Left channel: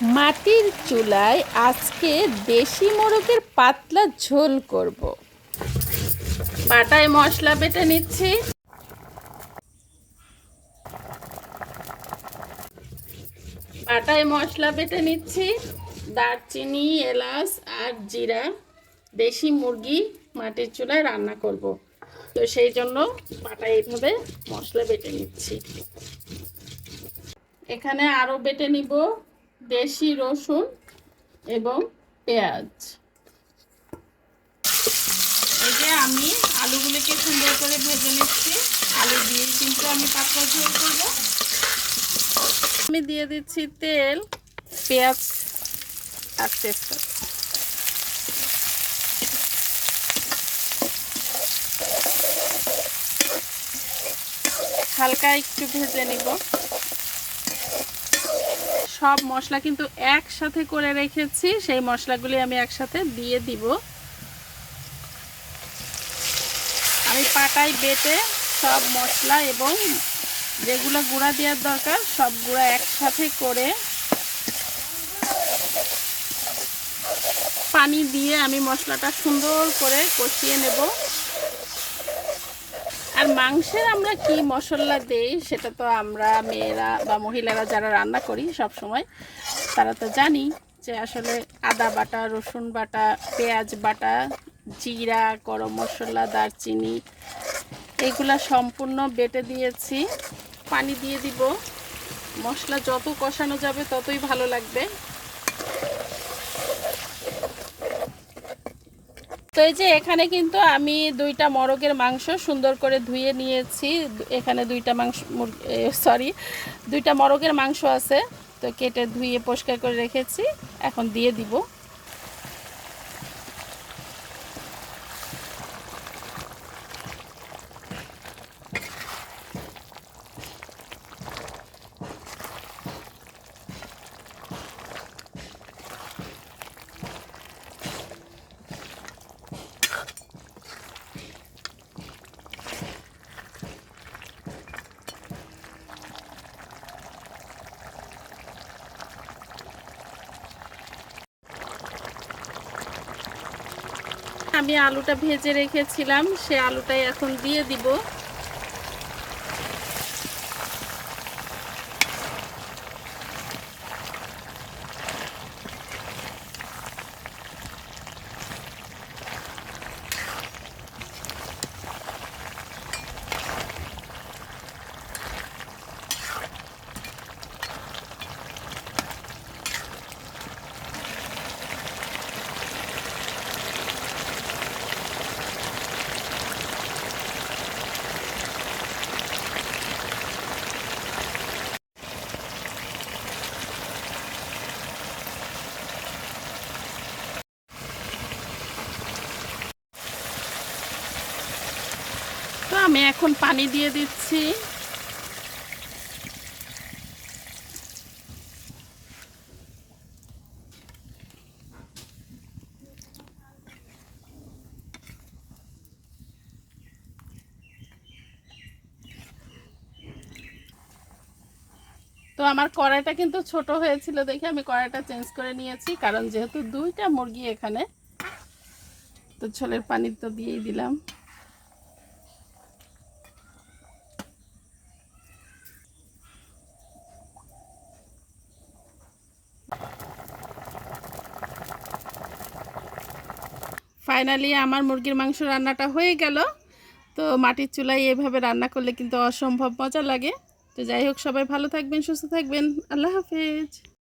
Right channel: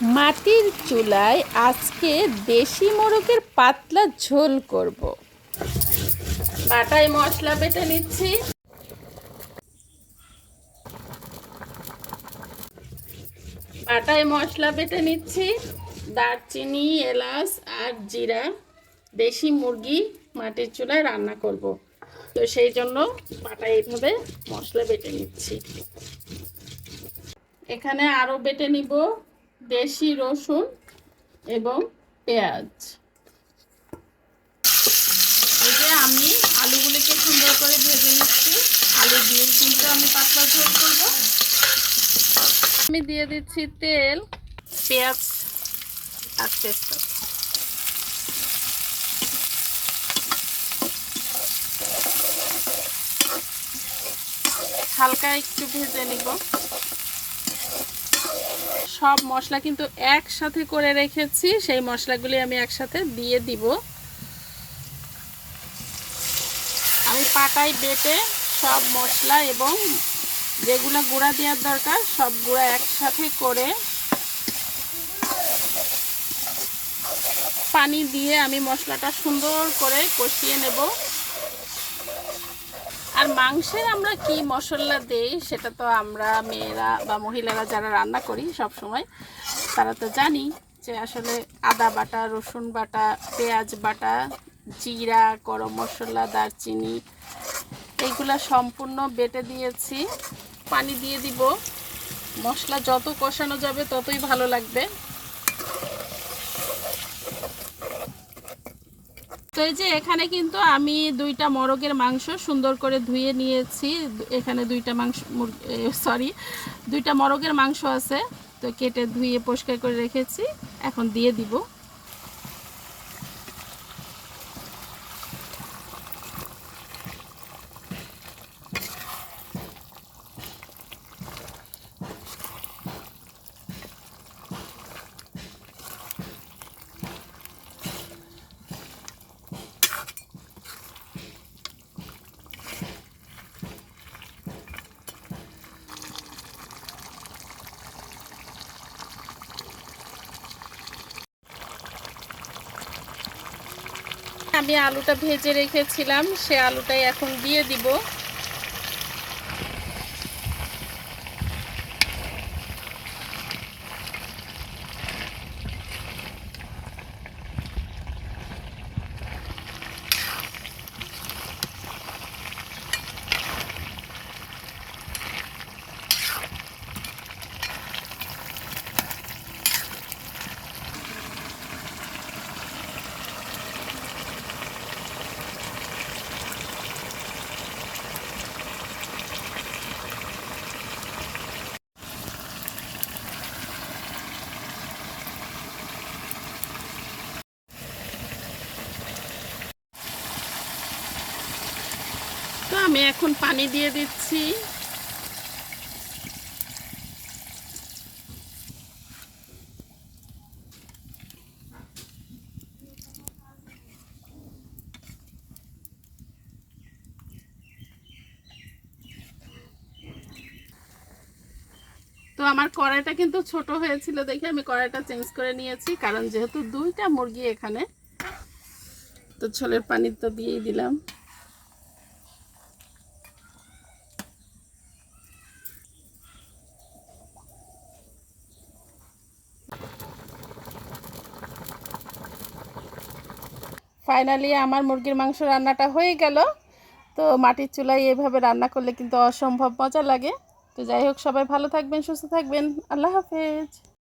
মাটির চুলায় আজকে দেশি মোরগের পাতলা ঝোল করব। বাটায় মশলা বেটে নিচ্ছি। দারচিনি, এলাচ আর জিরা। দেশি মুরগি মাটির চুলায় রান্না করব, তো সেই জন্য বাটায় এইভাবে মশলা বেটে নিচ্ছি। এখানে আরও বেটে নিব দেশি রসুন এবং পেঁয়াজ। এই যে আমি আলুগুলিকে সুন্দর করে ভেজে নিচ্ছি। আলু দিয়ে কিন্তু আমি পাতলা ঝোল করব। আমি দিয়ে দিচ্ছি তেল, পেঁয়াজ আর তেজপাতা। হালকা একটু ভেজে নিব। সব মশলা কিন্তু একসাথে করে রেখেছি, সেই মশলাগুলি আমি একসাথে দিয়ে দিব। আমি পাটায় বেটে সব মশলা এবং যেগুলো গুঁড়া দেওয়ার দরকার সব গুঁড়া একসাথে করে পানি দিয়ে আমি মশলাটা সুন্দর করে কষিয়ে নেব। আর মাংসের আমরা কি মশলা দেই সেটা তো আমরা মেয়েরা বা মহিলারা যারা রান্না করি সব সময় তারা তো জানি যে আসলে আদা বাটা, রসুন বাটা, পেঁয়াজ বাটা, জিরা, গরম মশলা, দারচিনি এইগুলা সম্পূর্ণ বেটে দিয়েছি। পানি দিয়ে দিব। মশলা যত কষানো যাবে ততই ভালো লাগবে। তো এই যে এখানে কিন্তু আমি দুইটা মোরগের মাংস সুন্দর করে ধুয়ে নিয়েছি। এখানে দুইটা মোরগের মাংস আছে, তো কেটে ধুয়ে পরিষ্কার করে রেখেছি। এখন দিয়ে দিব। আমি আলুটা ভেজে রেখেছিলাম, সে আলুটাই এখন দিয়ে দিব। তো আমি এখন পানি দিয়ে দিচ্ছি। তো আমার কড়াইটা কিন্তু ছোট হয়েছিল দেখে আমি কড়াইটা চেঞ্জ করে নিয়েছি, কারণ যেহেতু দুইটা মুরগি এখানে, তো ঝোলের পানি তো দিয়েই দিলাম। ফাইনালি আমার মুরগির মাংস রান্নাটা হয়ে গেল। তো মাটির চুলায় এইভাবে রান্না করলে কিন্তু অসম্ভব মজা লাগে। তো যাই হোক, সবাই ভালো থাকবেন, সুস্থ থাকবেন। আল্লাহ হাফেজ।